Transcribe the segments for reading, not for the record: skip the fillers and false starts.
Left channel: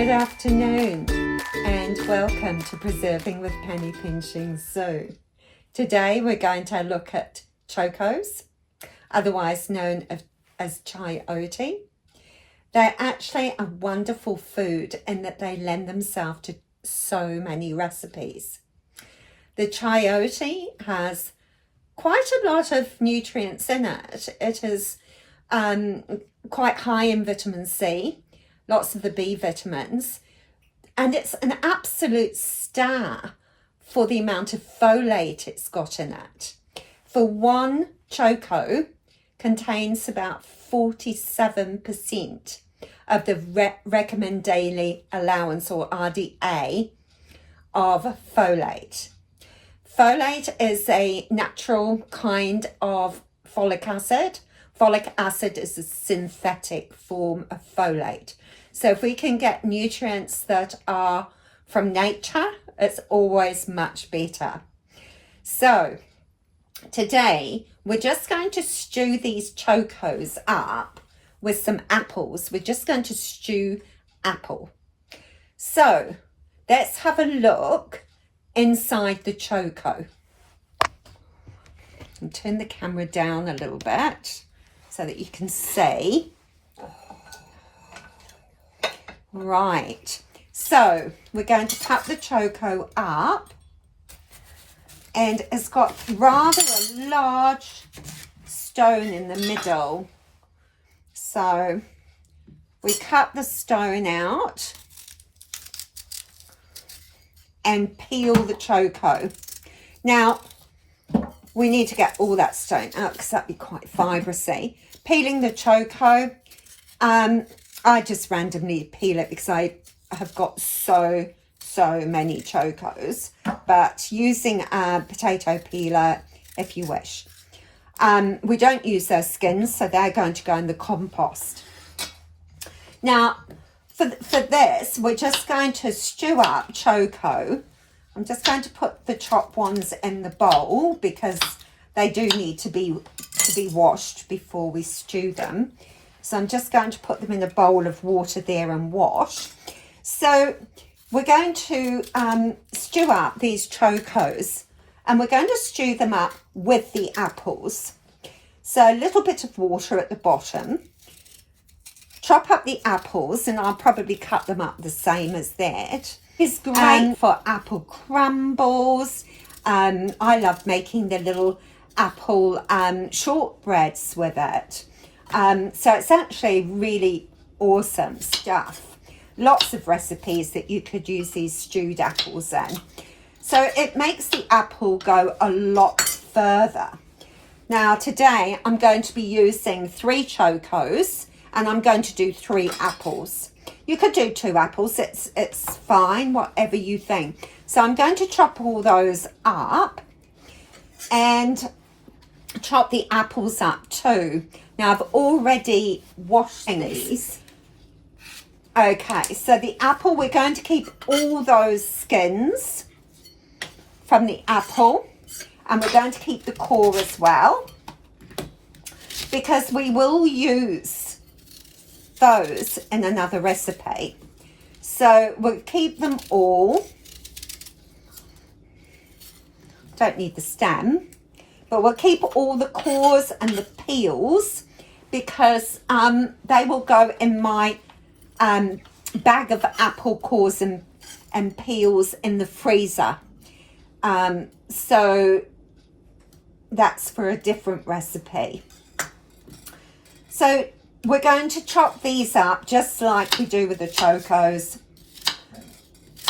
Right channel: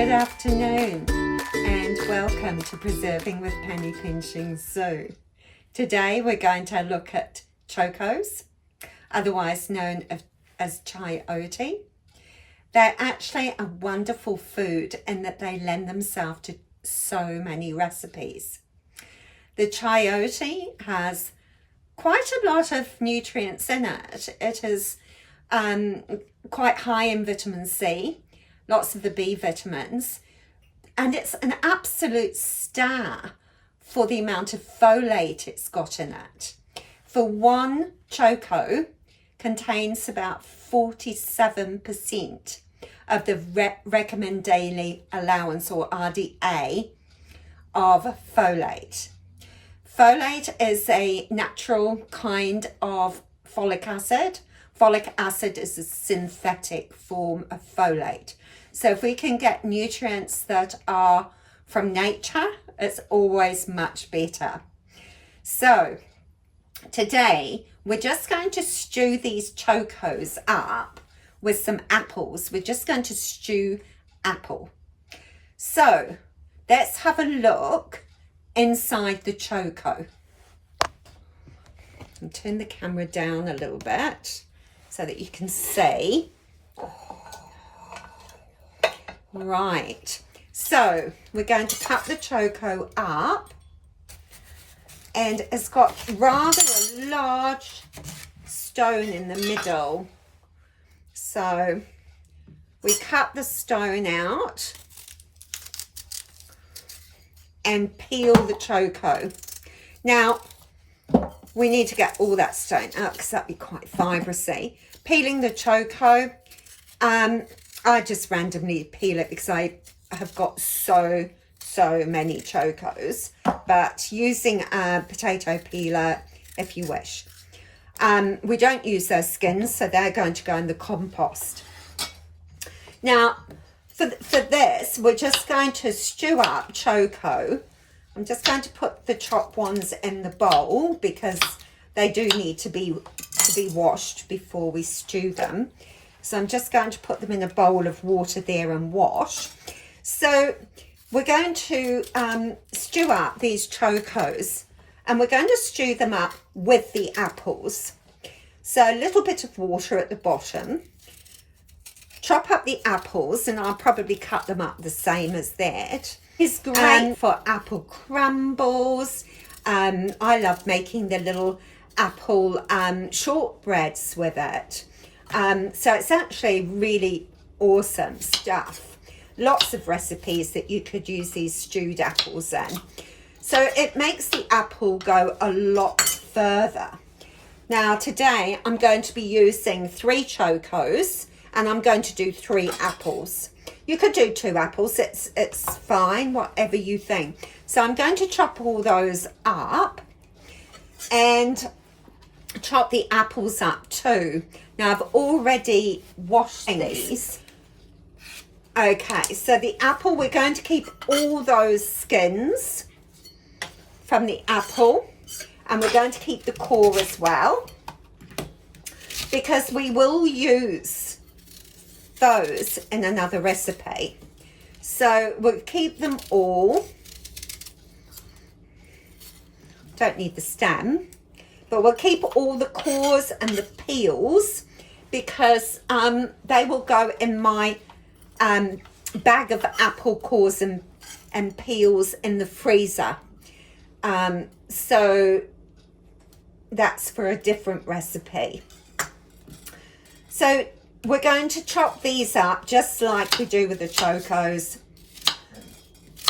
Good afternoon and welcome to Preserving with Penny Pinching Zoo. Today we're going to look at chokos, otherwise known as chayote. They're actually a wonderful food in that they lend themselves to so many recipes. The chayote has quite a lot of nutrients in it. It is quite high in vitamin C, lots of the B vitamins, and it's an absolute star for the amount of folate it's got in it. For one choco contains about 47% of the recommended daily allowance, or RDA, of folate. Folate is a natural kind of folic acid. Folic acid is a synthetic form of folate. So if we can get nutrients that are from nature, it's always much better. So today we're just going to stew these chokos up with some apples. We're just going to stew apple. So let's have a look inside the choco. And turn the camera down a little bit so that you can see. Right, so we're going to cut the choco up, and it's got rather a large stone in the middle. So we cut the stone out and peel the choco. Now, we need to get all that stone out because that'd be quite fibrous-y. Peeling the choco, I just randomly peel it because I have got so many chokos, but using a potato peeler if you wish. We don't use those skins, so they're going to go in the compost. Now, for this, we're just going to stew up choco. I'm just going to put the chopped ones in the bowl because they do need to be washed before we stew them. So I'm just going to put them in a bowl of water there and wash. So we're going to stew up these chokos, and we're going to stew them up with the apples. So a little bit of water at the bottom. Chop up the apples, and I'll probably cut them up the same as that. It's great for apple crumbles. I love making the little apple shortbreads with it. So it's actually really awesome stuff. Lots of recipes that you could use these stewed apples in. So it makes the apple go a lot further. Now today I'm going to be using 3 chokos, and I'm going to do 3 apples. You could do 2 apples, it's fine, whatever you think. So I'm going to chop all those up and chop the apples up too. Now I've already washed these. Okay, so the apple, we're going to keep all those skins from the apple, and we're going to keep the core as well, because we will use those in another recipe. So we'll keep them all. Don't need the stem, but we'll keep all the cores and the peels because they will go in my bag of apple cores and peels in the freezer. So that's for a different recipe. So we're going to chop these up just like we do with the chokos.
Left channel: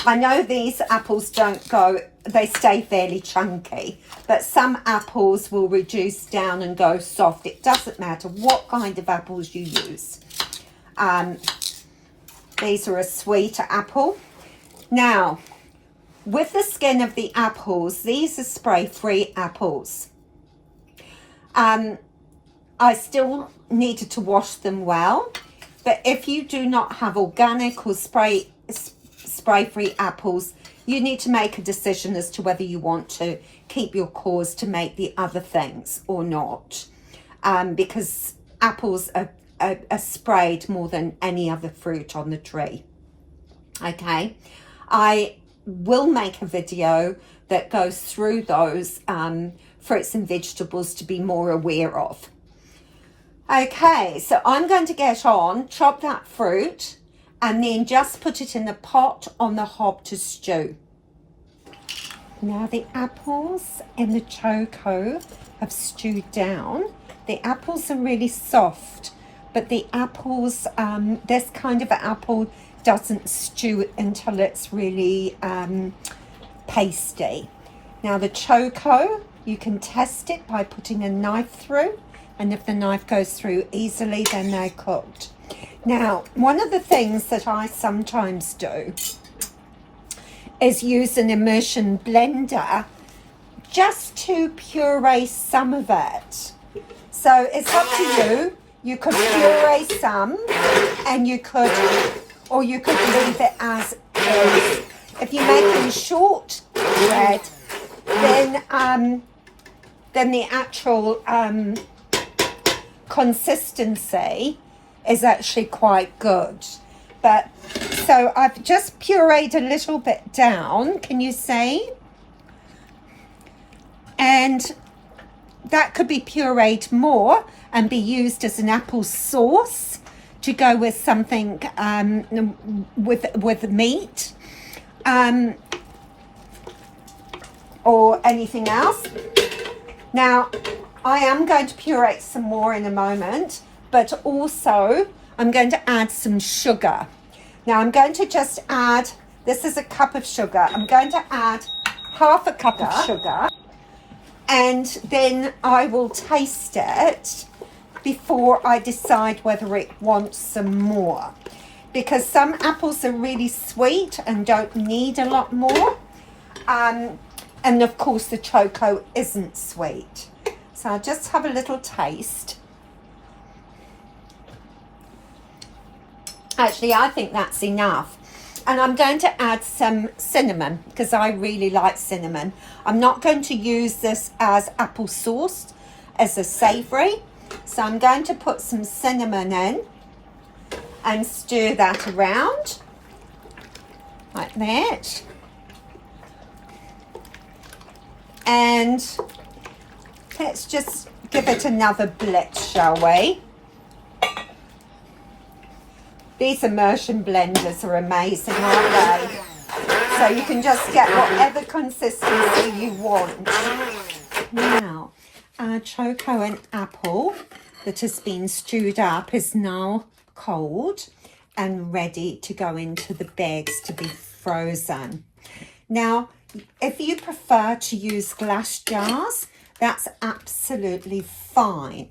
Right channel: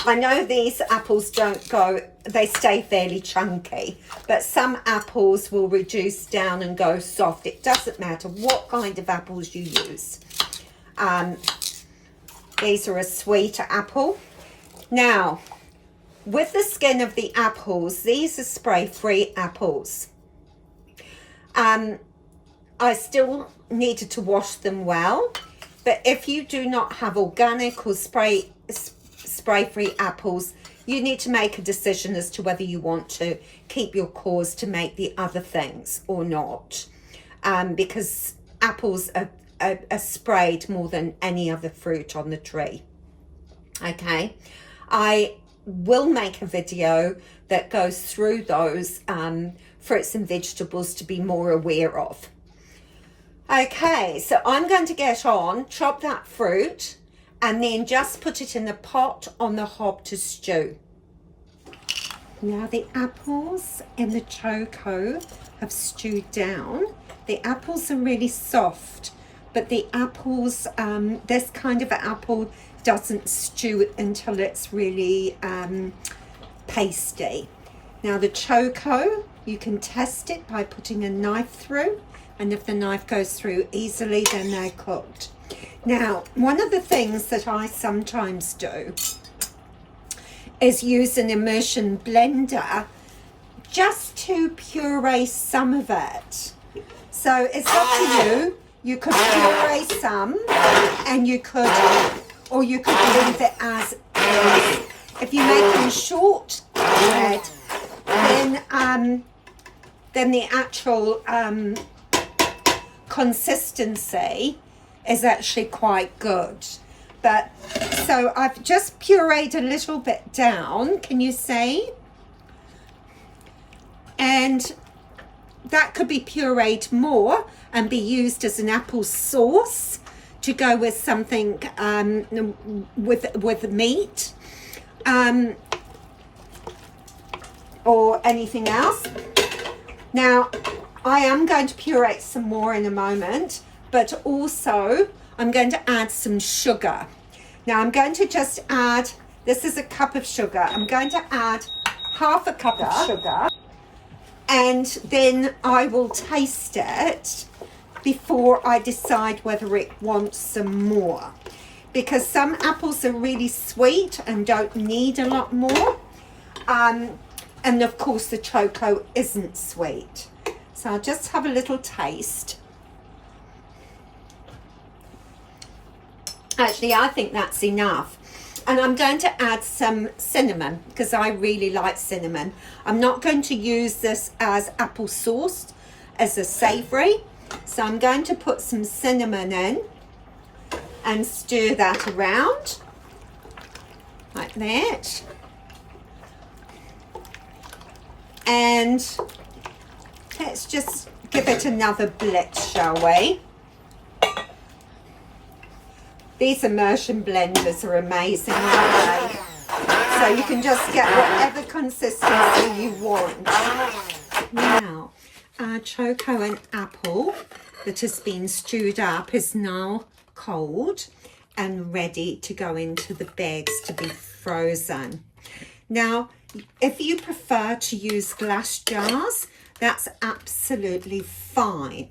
I know these apples don't go, they stay fairly chunky, but some apples will reduce down and go soft. It doesn't matter what kind of apples you use. These are a sweet apple. Now, with the skin of the apples, these are spray-free apples. I still needed to wash them well, but if you do not have organic or spray-free apples, you need to make a decision as to whether you want to keep your cores to make the other things or not, because apples are sprayed more than any other fruit on the tree. Okay, I will make a video that goes through those fruits and vegetables to be more aware of. Okay, so I'm going to get on, chop that fruit, and then just put it in the pot on the hob to stew. Now the apples and the Choko have stewed down. The apples are really soft, but the apples, this kind of apple doesn't stew until it's really pasty. Now the Choko, you can test it by putting a knife through, and if the knife goes through easily, then they're cooked. Now, one of the things that I sometimes do is use an immersion blender just to puree some of it. So it's up to you. You could puree some, and you could, or you could leave it as is. If you're making short bread, then the actual consistency is actually quite good. But so I've just pureed a little bit down, can you see? And that could be pureed more and be used as an apple sauce to go with something with meat or anything else. Now I am going to puree some more in a moment, but also I'm going to add some sugar. Now I'm going to just add, this is a cup of sugar, I'm going to add half a cup of sugar, and then I will taste it before I decide whether it wants some more, because some apples are really sweet and don't need a lot more, and of course the Choko isn't sweet. So I'll just have a little taste. Actually, I think that's enough. And I'm going to add some cinnamon because I really like cinnamon. I'm not going to use this as apple sauce, as a savoury. So I'm going to put some cinnamon in and stir that around like that. And let's just give it another blitz, shall we? These immersion blenders are amazing, aren't they? So you can just get whatever consistency you want. Now, our Choko and apple that has been stewed up is now cold and ready to go into the bags to be frozen. Now, if you prefer to use glass jars, that's absolutely fine.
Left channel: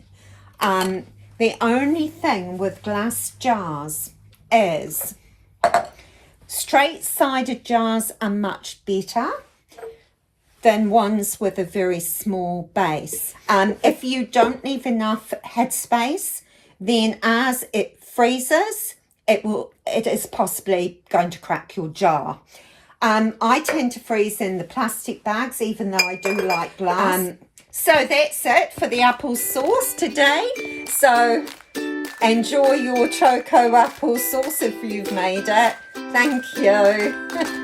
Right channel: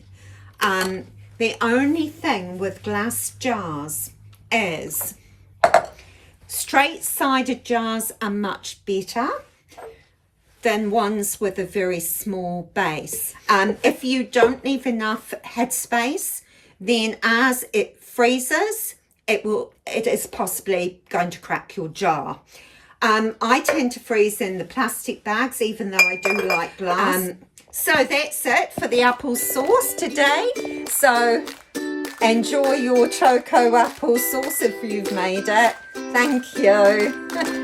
The only thing with glass jars is straight-sided jars are much better than ones with a very small base. If you don't leave enough headspace, then as it freezes, it is possibly going to crack your jar. I tend to freeze in the plastic bags, even though I do like glass. So that's it for the apple sauce today. So enjoy your Choko apple sauce if you've made it. Thank you.